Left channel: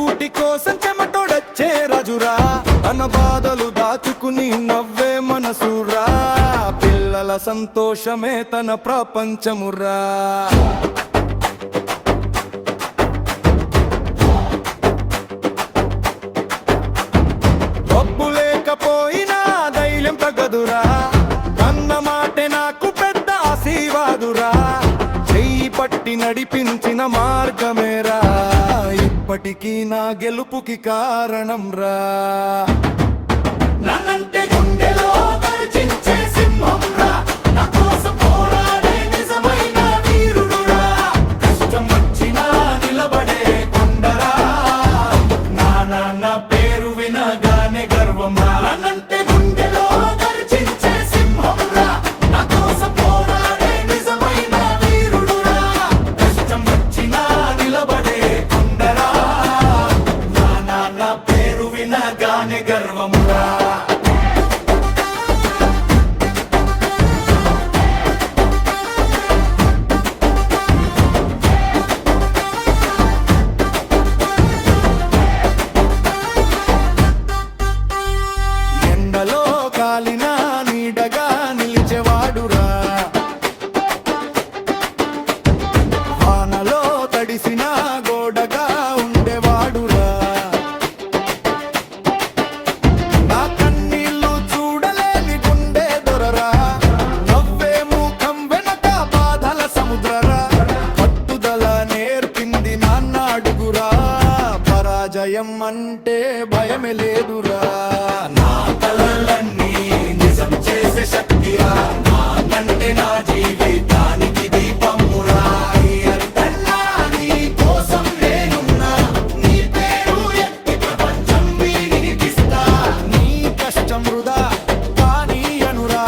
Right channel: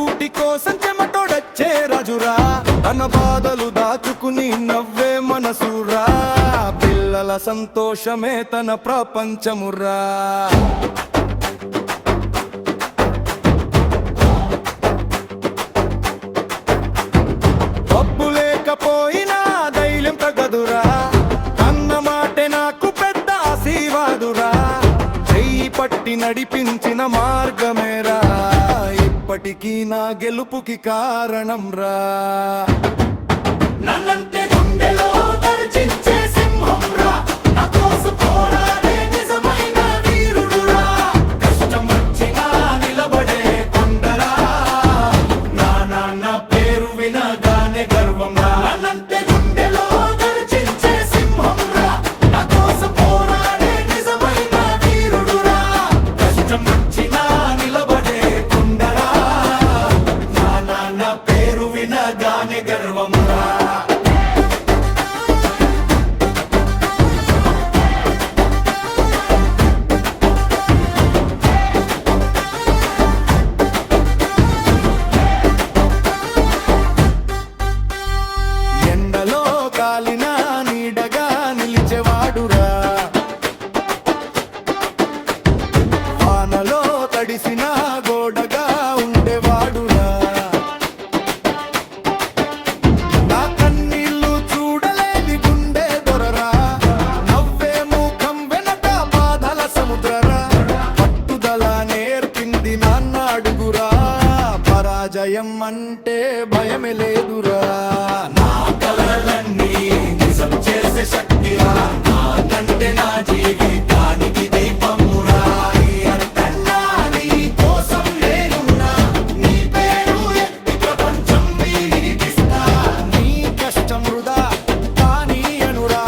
కూటి కోసం చెమటోడచ్చే రాజురా, తన బాధలు దాచుకుని నవ్వే మనసురా, పిల్లల సంతోషమే తన ప్రపంచమురా. డబ్బు లేకపోయినా ధైర్యం తగదురా, కన్న మాటే నాకు పెద్ద ఆశీర్వాదురా, చెయ్యి పట్టి నడిపించిన మార్గమేరా, ఇప్పటికీ నా గెలుపుకి కారణం రా. నన్నంటే గుండెలో గర్జించే సింహం రా, నా కోసం పోరాడే నిజమైన వీరుడురా, కష్టం వచ్చినా నిలబడే కొండరా, నా నాన్న పేరు వినగానే గర్వం రా. నన్నంటే గుండెలో గర్జించే సింహం రా, నా కోసం పోరాడే నిజమైన వీరుడురా, కష్టం వచ్చినా నిలబడే కొండరా, నా నాన్న పేరు వినగానే గర్వం రా. ఎండలో కాలిన నీడగా నిలిచేవాడురా, వానలో తడిసిన గోడగా ఉండేవాడురా, నా కన్నీళ్లు చూడలేని గుండె దొరరా, నవ్వే ముఖం వెనక బాధల సముద్రరా, పట్టుదల నేర్పింది నాన్న అడుగురా, పరాజయం అంటే భయమే లేదురా, నా కలలన్నీ నిజం చేసే శక్తిరా, నానంటే నా జీవితానికి దీపమురా. అర్థన్నా నీ కోసం నేనున్నా, నీ పేరు ఎత్తి ప్రపంచం వినిపిస్తా, నీ కష్టం వృధా కానీ అనురా,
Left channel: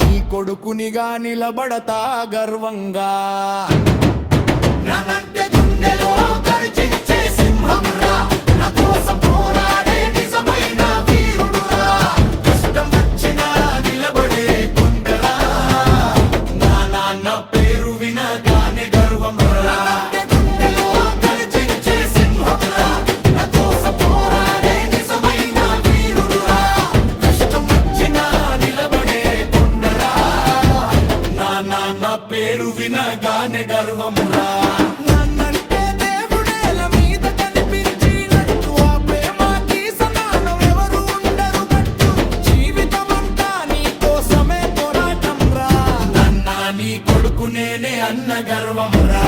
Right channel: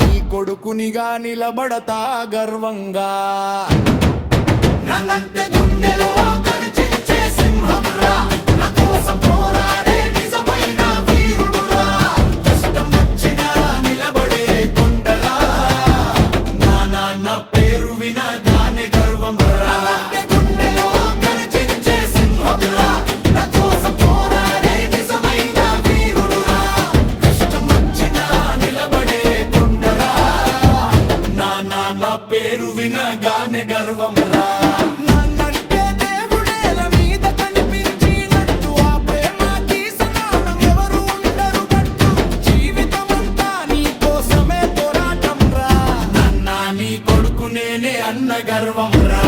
నీ కొడుకునిగా నిలబడతా గర్వంగా. నన్నంటే గుండెలో గర్జించే సింహం రా, నా కోసం పోరాడే నిజమైన వీరుడురా, కష్టం వచ్చినా నిలబడే కొండరా, నా నాన్న పేరు వినగానే గర్వం రా. నన్నంటే గుండెలో గర్జించే సింహం రా, నా కోసం పోరాడే నిజమైన వీరుడురా, కష్టం వచ్చినా నిలబడే కొండరా, నా నాన్న పేరు వినగానే గర్వం రా. నన్నంటే దేవుడేల మీద కనిపించినట్టు, ఆ ప్రేమకి సమానం ఎవరు ఉండరు గట్టు, జీవితమంతా నీ కోసమే పోరాటం రా, నన్న నీ కొడుకు నేనే అన్న గర్వం రా.